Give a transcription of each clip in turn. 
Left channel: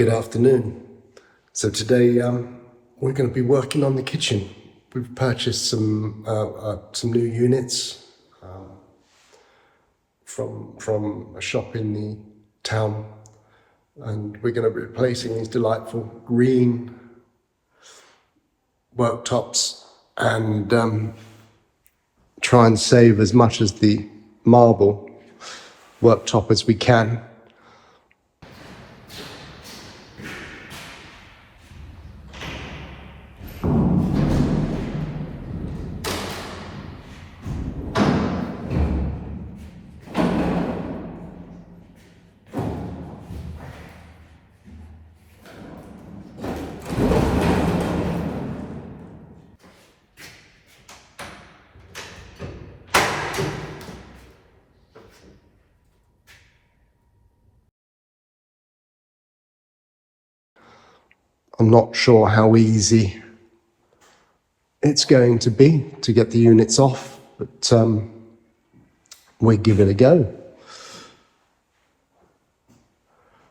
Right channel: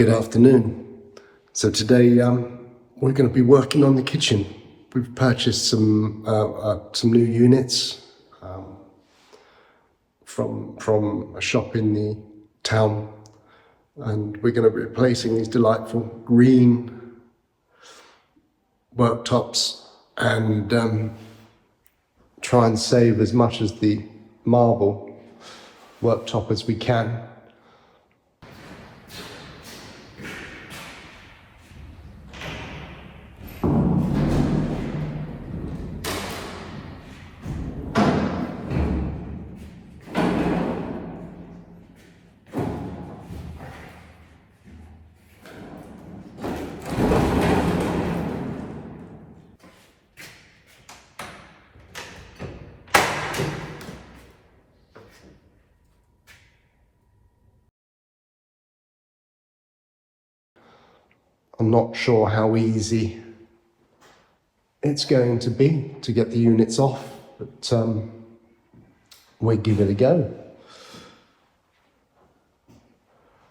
Good afternoon. So today we're going to be working on the kitchen. We've purchased some new units from a shop in the town, and we're going to be replacing these delightful green worktops and try and save as much as the marble worktop as we can. I'm not sure how easy it's going to be to get the units off, but we'll give it a go.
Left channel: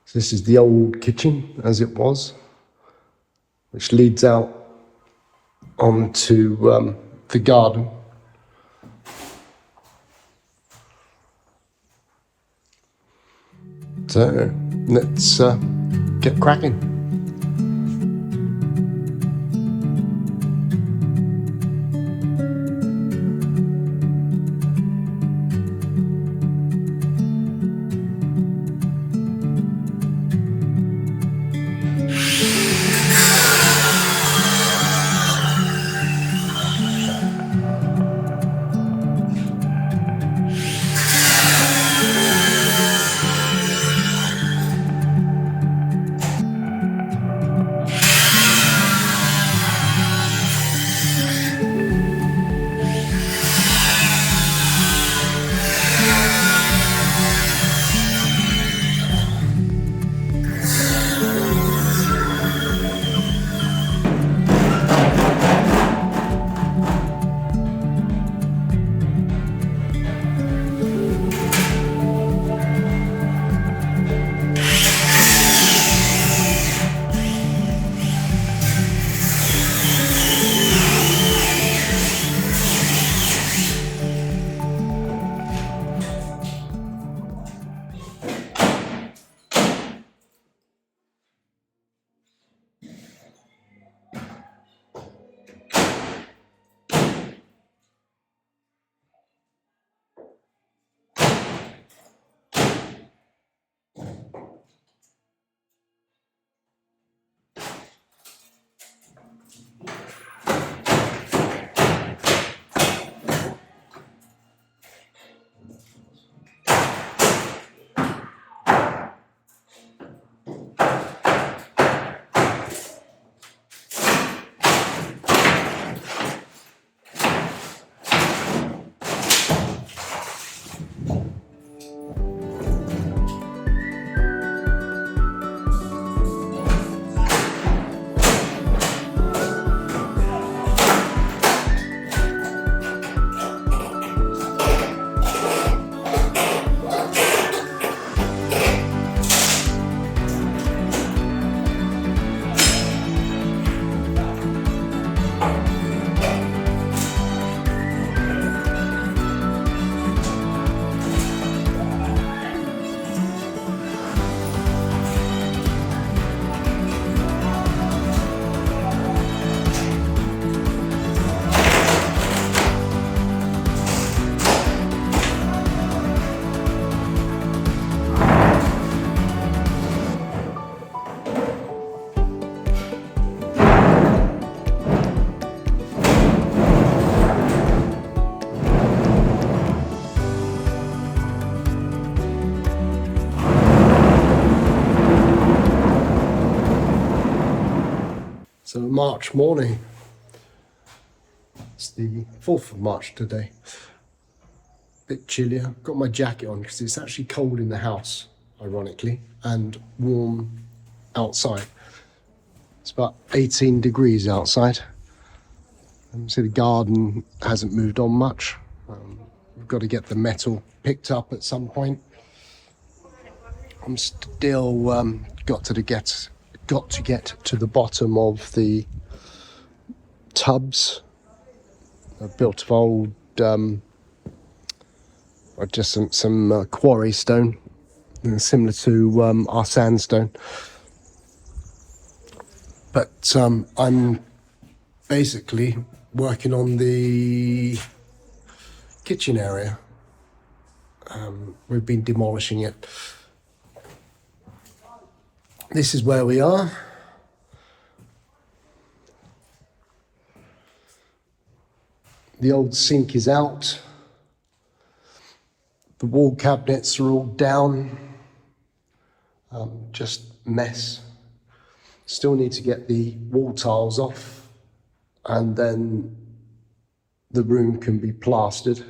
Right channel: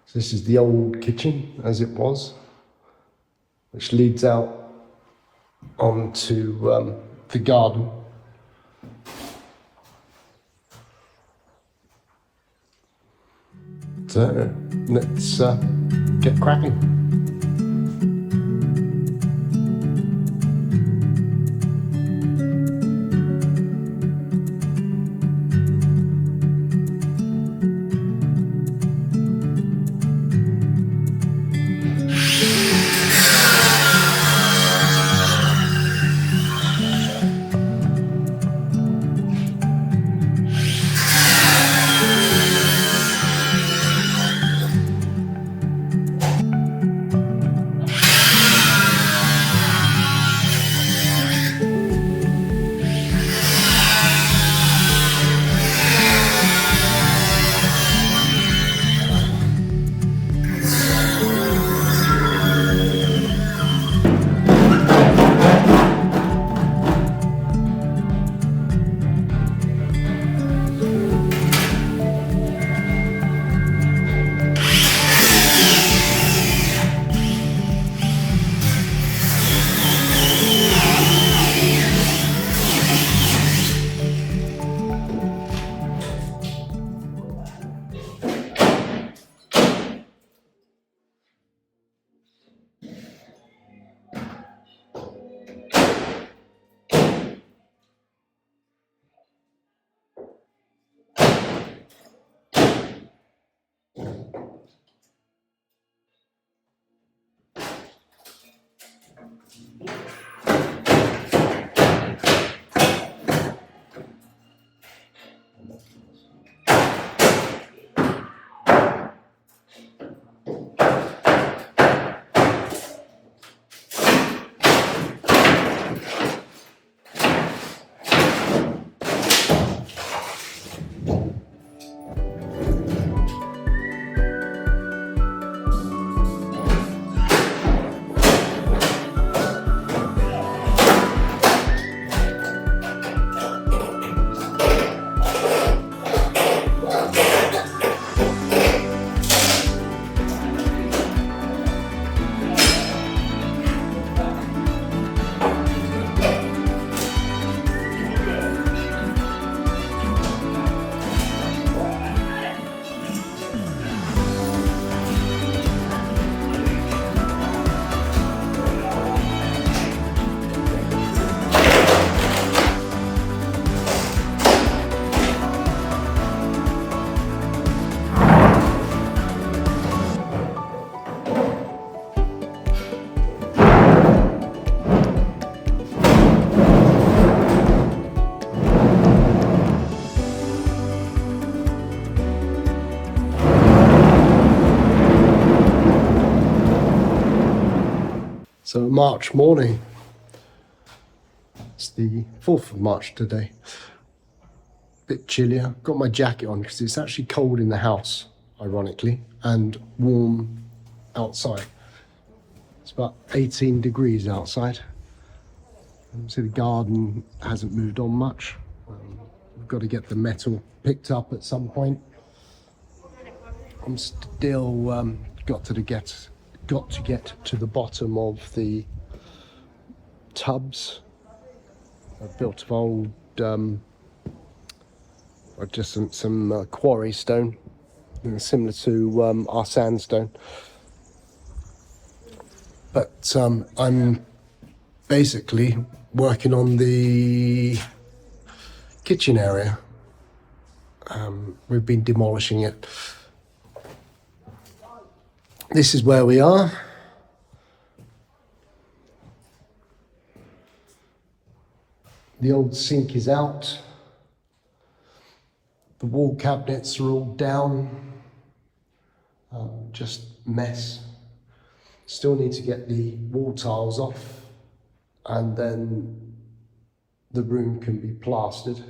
So this is the old kitchen as it was, which leads out onto the garden. So let's get cracking. So March morning, it's the 4th of March today, bit chillier. Got my jacket on because it's actually cold in the house, ironically, and warm outside. It's about 18 degrees outside. So the garden hasn't moved on much. We've got to get the metal picked up at some point. I'm still got to get got to get to the bottom of the tubs. They're built of old, just some quarry stone, similar to our sandstone. But I'm basically working on the kitchen area. We've been demolishing it. This is where we are. The old sink is out. The wall cabinets are all down. Just mess. Still need to get the wall tiles off, and then the room can be plastered.